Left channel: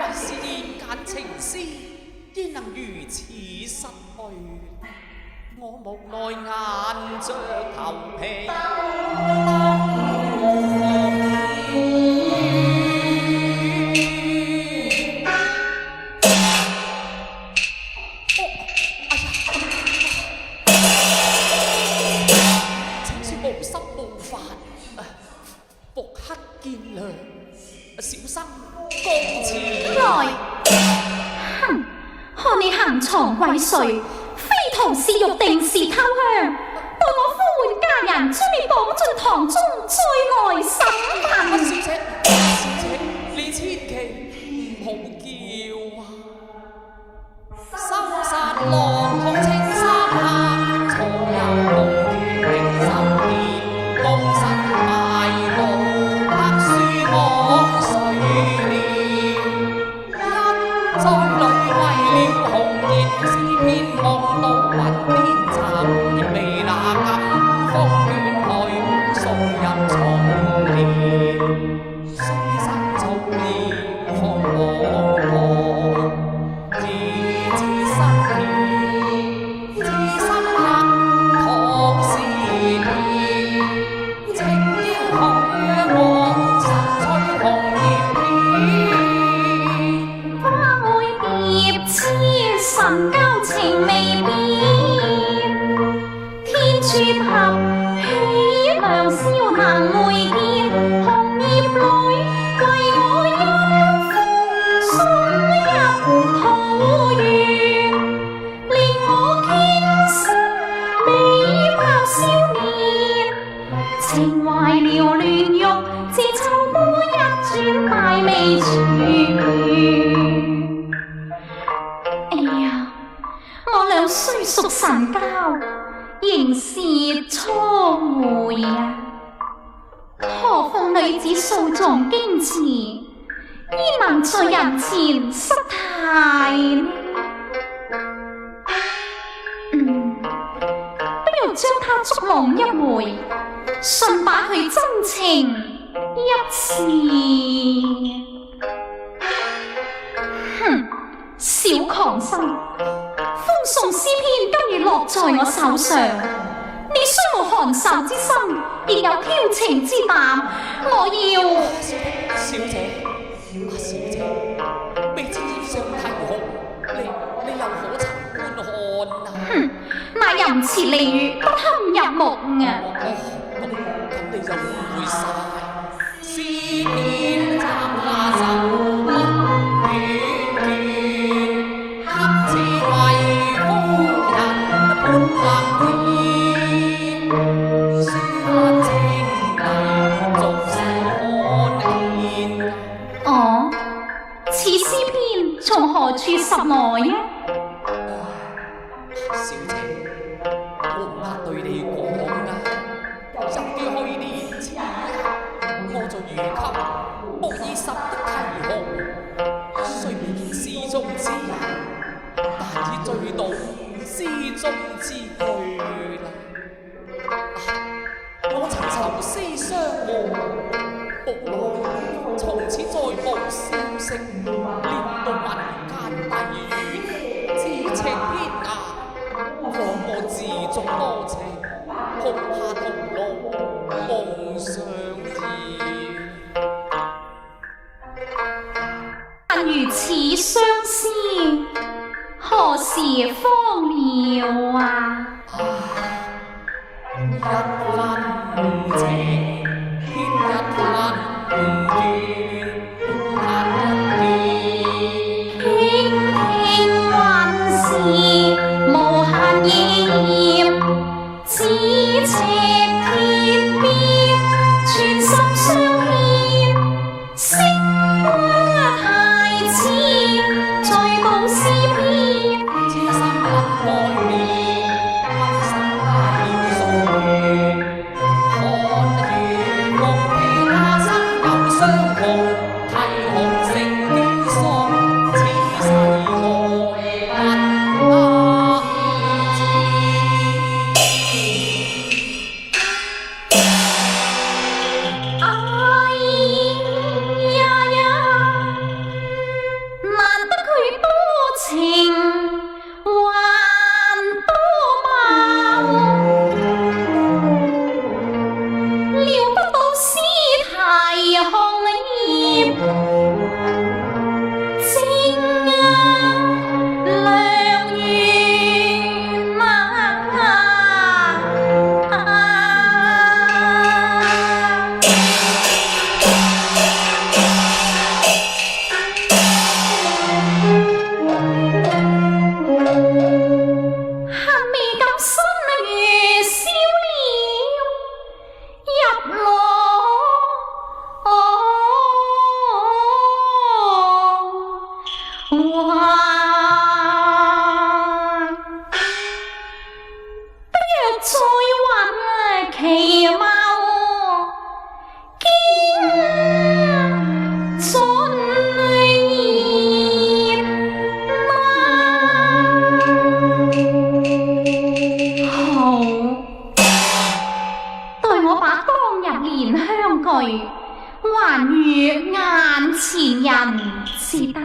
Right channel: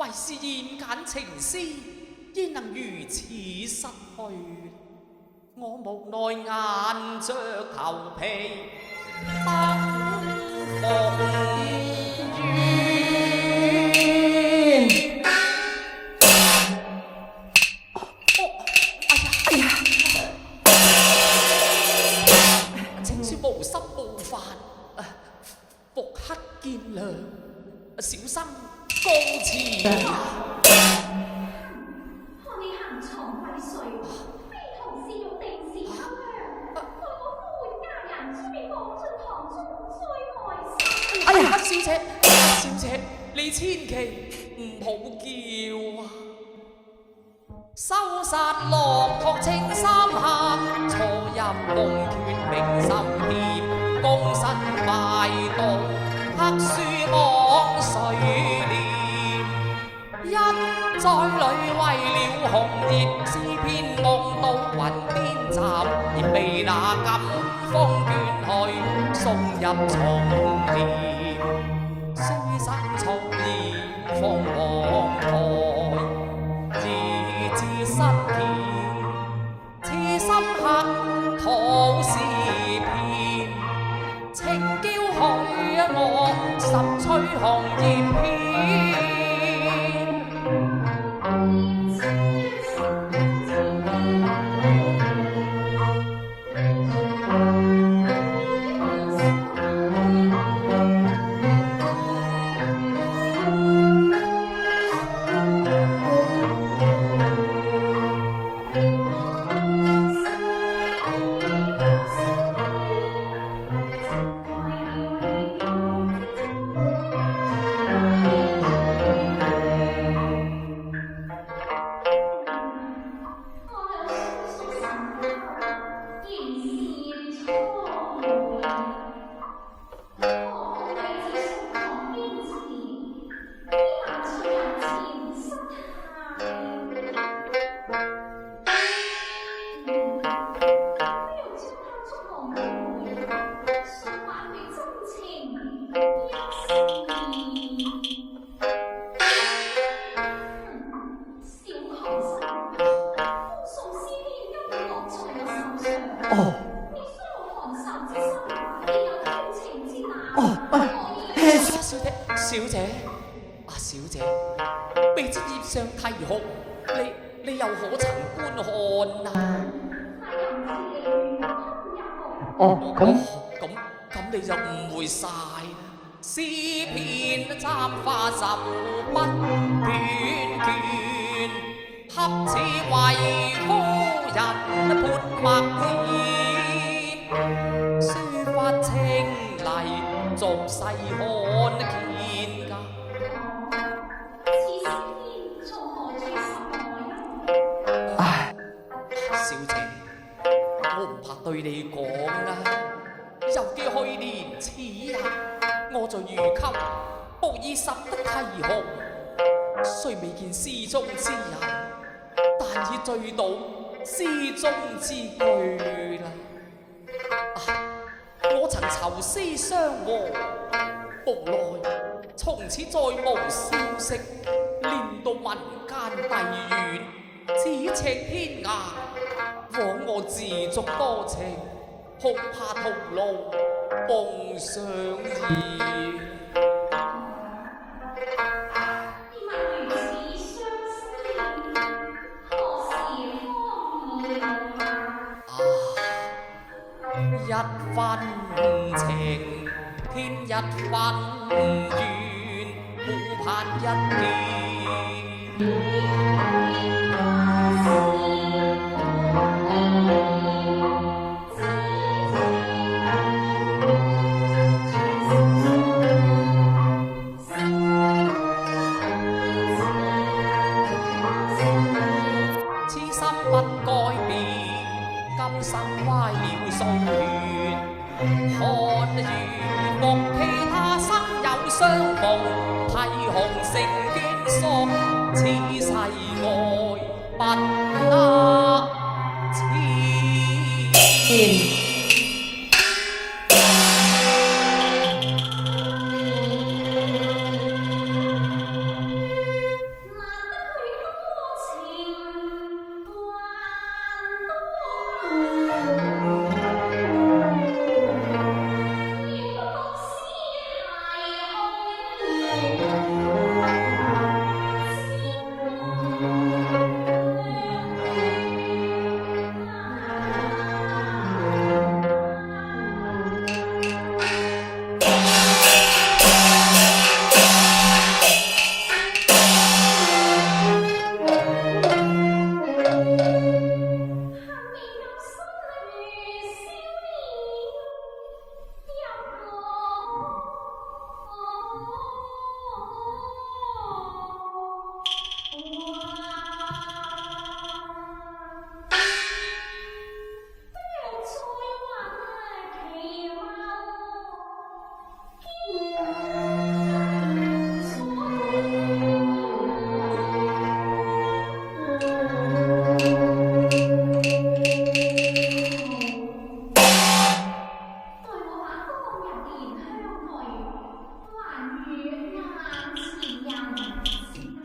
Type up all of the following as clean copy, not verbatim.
为是言简情丝，焉能如此失去？我無奈硬着頭皮等風雨。請恕無心無法，復刻見諒，小生告辭。來，哼！看你行藏為誰？非同是玉定是偷香。待我呼喚家人，將你綁進堂中，再來審。小姐，小姐，你千祈唔好叫啊！收殺狼同情三客，錯有共權永守殿，公身賣弄黑書網水簾。一在裏為了紅顏，詩篇夢到雲顛集，亦被那金風捲去，送入叢簾。雖生草葉放黃台，自知失甜，痴心客土是騙，情嬌許我十吹紅葉片。花愛蝶痴，神交情未變。天柱合，喜良宵難會見。紅葉裏為我一封送入桃源，令我傾心美拍少年。情懷繚亂欲，自秋波一轉，大未全。哎呀，我倆雖屬神交，仍是初會啊！何況女子素重矜持，焉能在人前失態呢？不如將他捉弄一回，順把佢真情一試。哼，小狂心，風送詩篇今日落在我手上。你雖無寒仇之心，亦有挑情之膽。我要小姐，小姐，未知葉上提紅，你又可曾觀看啊？哼，那淫詞利語不堪入目啊！咁你就誤會晒。詩篇簪花手筆卷卷，恰似為夫人撥墨硯，書法清麗，俗世罕見。哦，此詩篇從何處拾來啊？唉，小姐，我唔怕對你講啊，由於去年此日，我在如今無意拾得提紅，雖未見詩中之人，但已醉倒詩中之句啦。我曾愁思相和，無奈從此再無消息，連到民間帝苑，咫尺天涯，枉我自作多情，恐怕徒勞夢想兒。但如此相思，何時方了啊？一分情，天一分緣，孤嘆一見。傾聽雲時，無限意念，咫尺天邊，全心相牽。星光太似，在報詩篇。痴心不改變，今生拉了數緣。看如夢，其他生又相逢，提紅成眷屬，此世愛不得知。哎呀呀，難得佢多情，還多待我把當日蓮香具還予眼前人至得。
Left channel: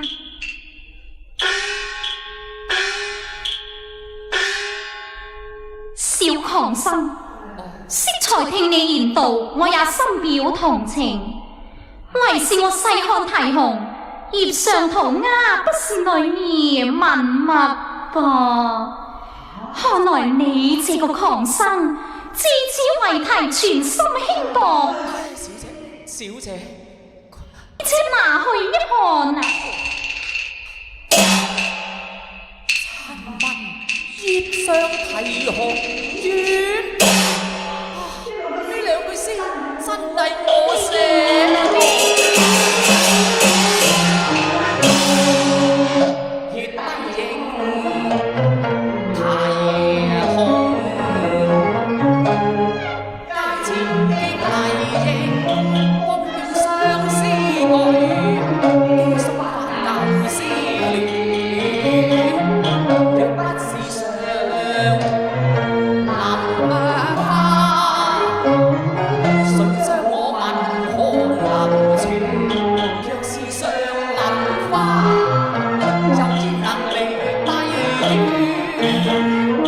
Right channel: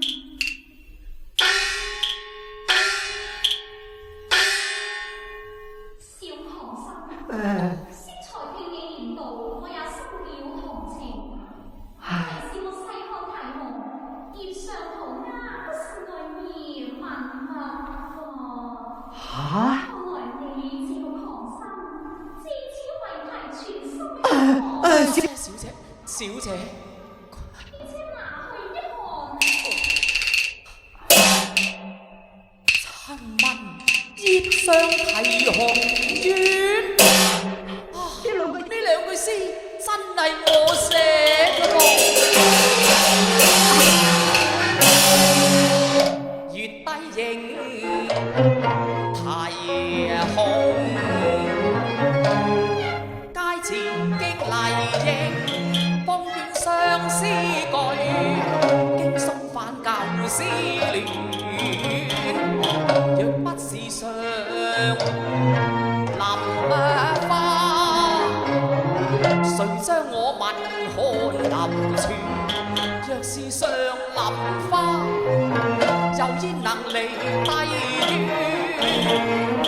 小狂生，適才聽你言道，我也深表同情。唯是我細看啼紅，葉上塗鴉不是女兒文墨噃。看來你這個狂生，自此為題全心輕薄。小姐，且拿去一看啊！親問葉上啼紅院，呢兩句詩真係我寫喎。月低影啼紅，街前激麗影，風卷相思句，經縮翻舊思戀。若不是上林花，誰將我文翰流傳？若是上林花，又焉能離低於我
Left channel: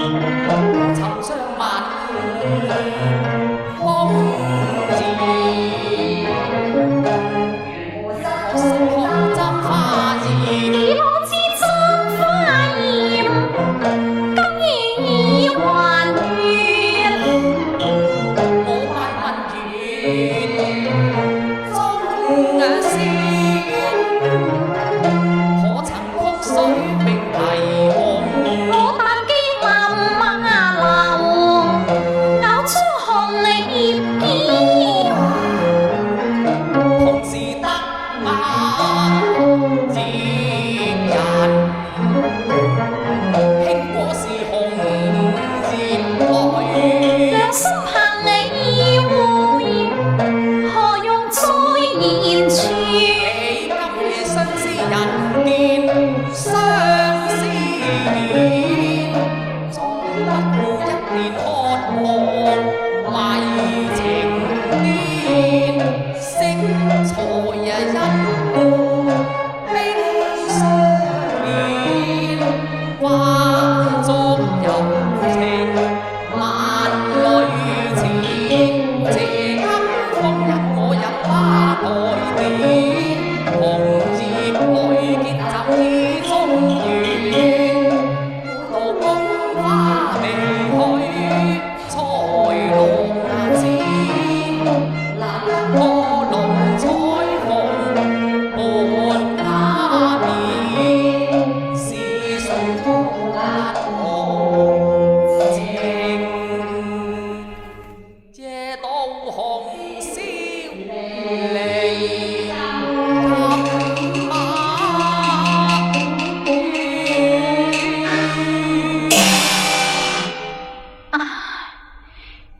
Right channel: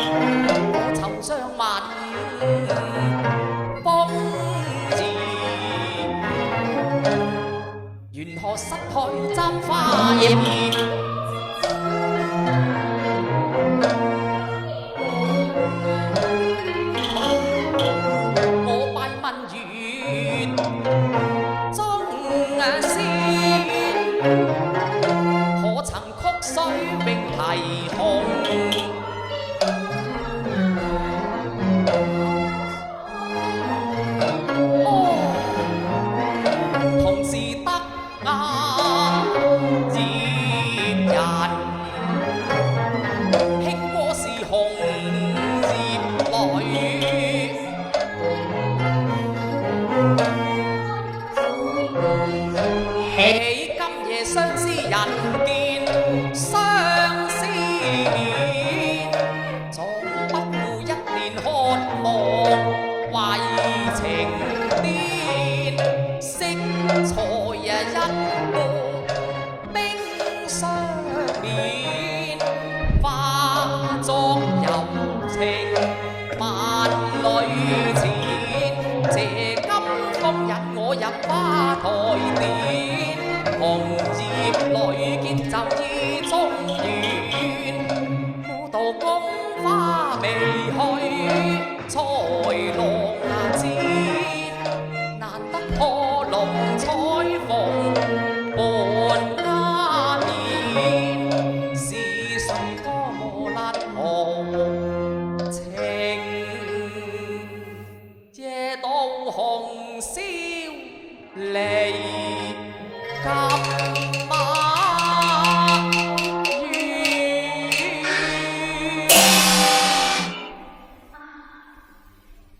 尋相問風言？願可惜看針花葉。可曾曲水詠啼紅？我但記默默流，咬出紅葉片。同是得雅葉人，輕過是紅葉女。良心憑你會，何用再言傳？今夜相思人見相思面，總不負一年渴望為情癲。惜才一顧冰霜面，化作柔情萬里前。借今風引我入花台殿，紅葉裏結就意中緣。古道宮花未許，才落箭，難得破龍彩鳳伴鴉面，是誰歌甩紅情？借到紅簫離金馬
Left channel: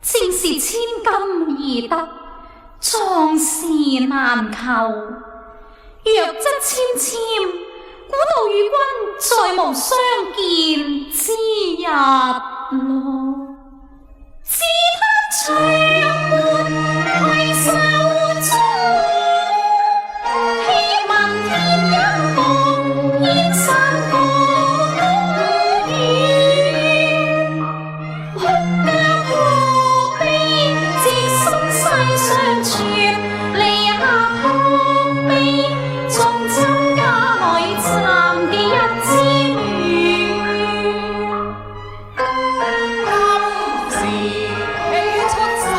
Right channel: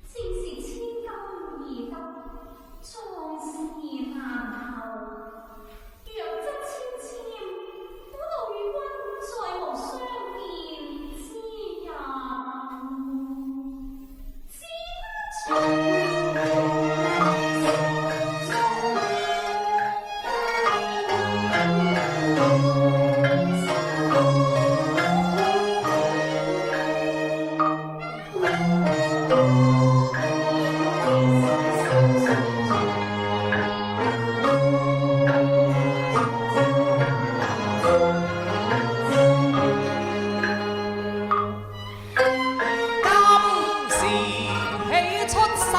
正是千金易得，壯士難求。若則纖纖，古道與君再無相見之日咯。只嘆長回首中，希望天一幕煙山高遠。欲教何必知心世相傳，離下土地，縱親家裏暫記一枝緣。今時喜出生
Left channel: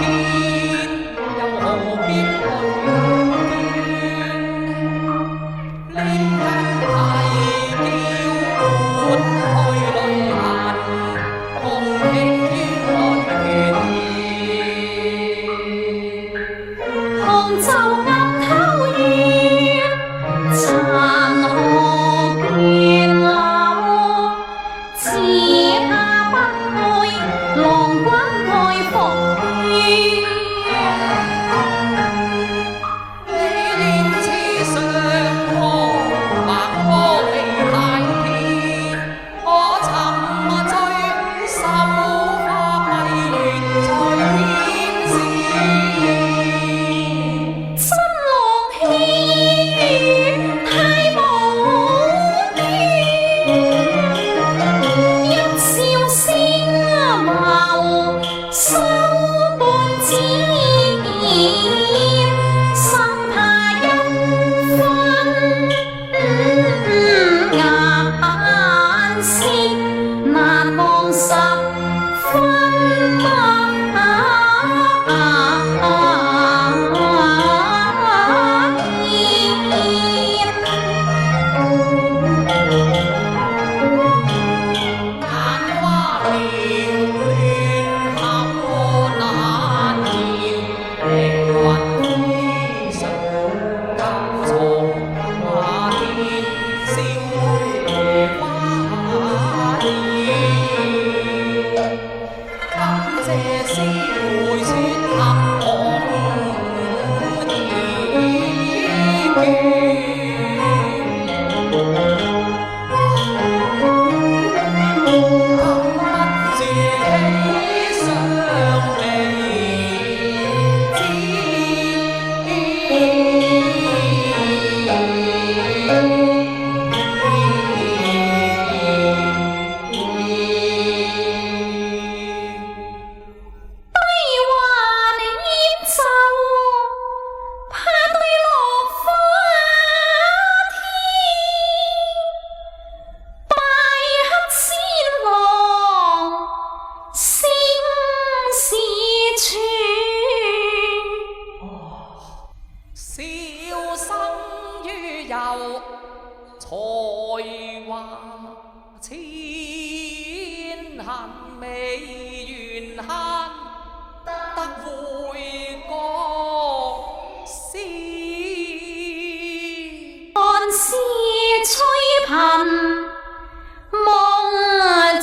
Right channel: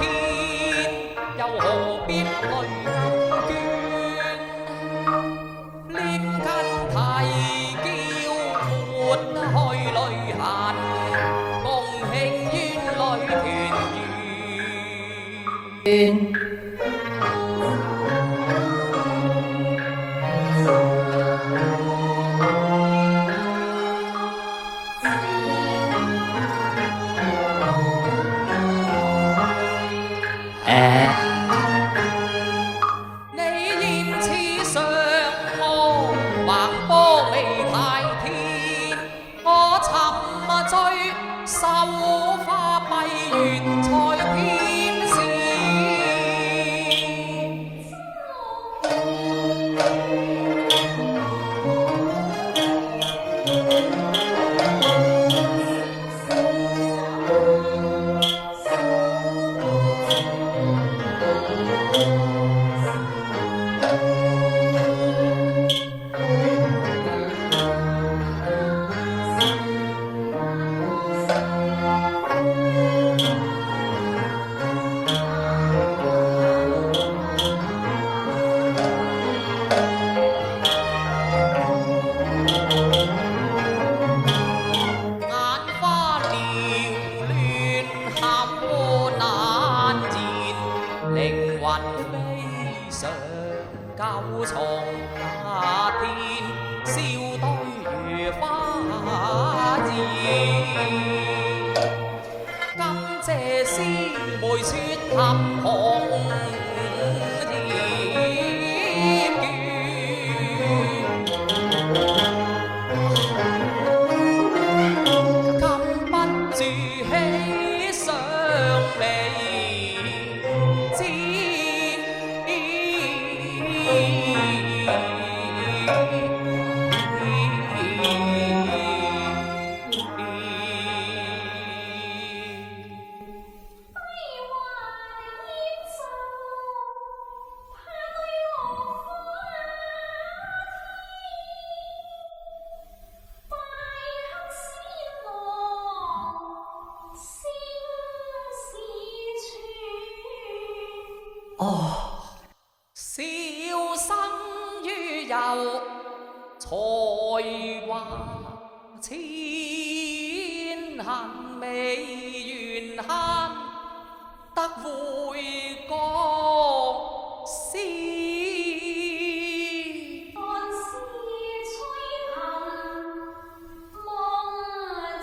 天，又何必淚捐？念根啼叫喚去旅行，共慶園裏團圓。杭州雁頭月，殘荷斷柳。此下不會，郎君愛復去。你現似上岸，橫波未太天，我沉醉愁月在天使。新郎喜悦太無端，一笑聲貌收半枝葉，心怕一分眼線，難望十分眼花撩亂合難言，靈魂飛上九重下天，笑對花兒。感謝師妹撮合紅葉卷。禁不住喜上眉悲還煙奏，怕對落花天，拜黑仙郎聲是傳。笑生於有才華千行未完慳，得回國師。看似吹貧夢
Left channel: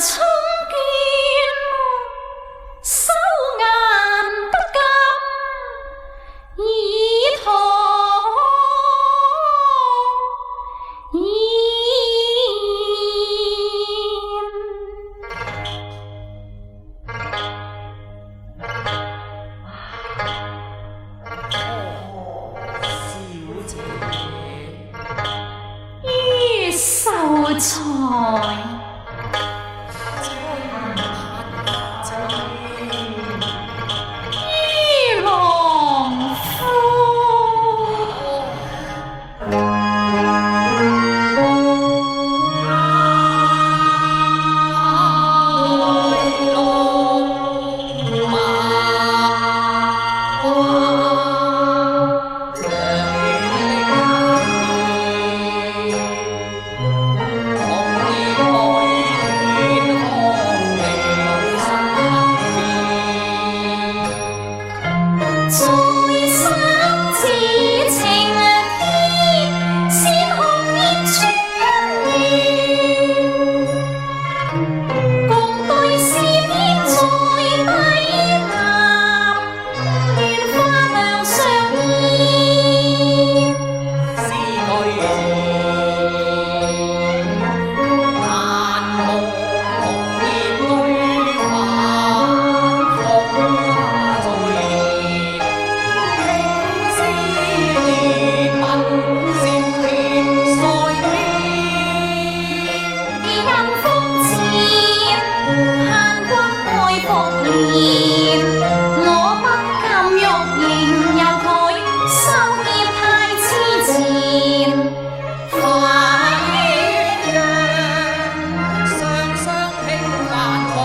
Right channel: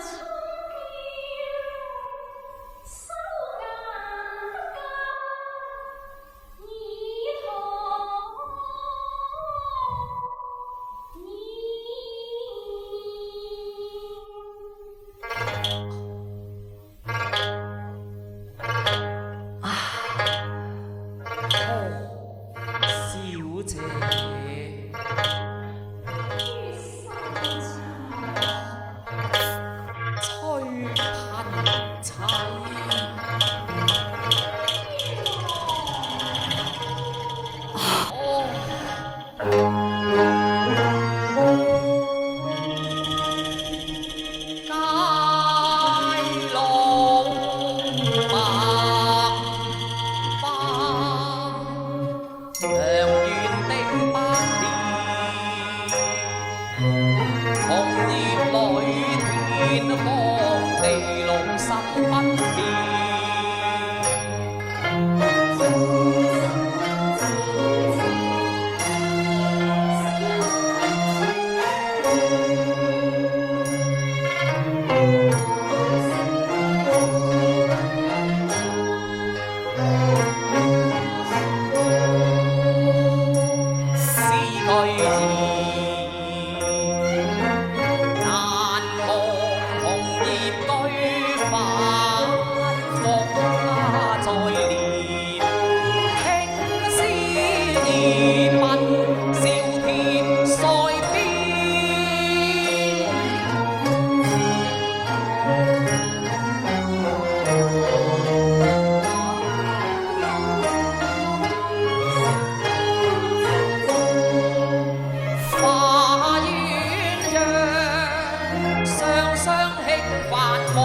衝倦，收眼不敢以堂言。小姐，於秀才吹貧妻。於郎夫。在三字情天，先紅葉穿亂，共對詩篇在低談，亂花兩相依。詩句兒，難忘紅葉堆反覆在臉，輕絲兒鬢笑貼腮邊。而因風漸限君愛復燃，我不禁欲迎遊佢，收葉太痴纏。花鸳鸯雙雙輕泛望。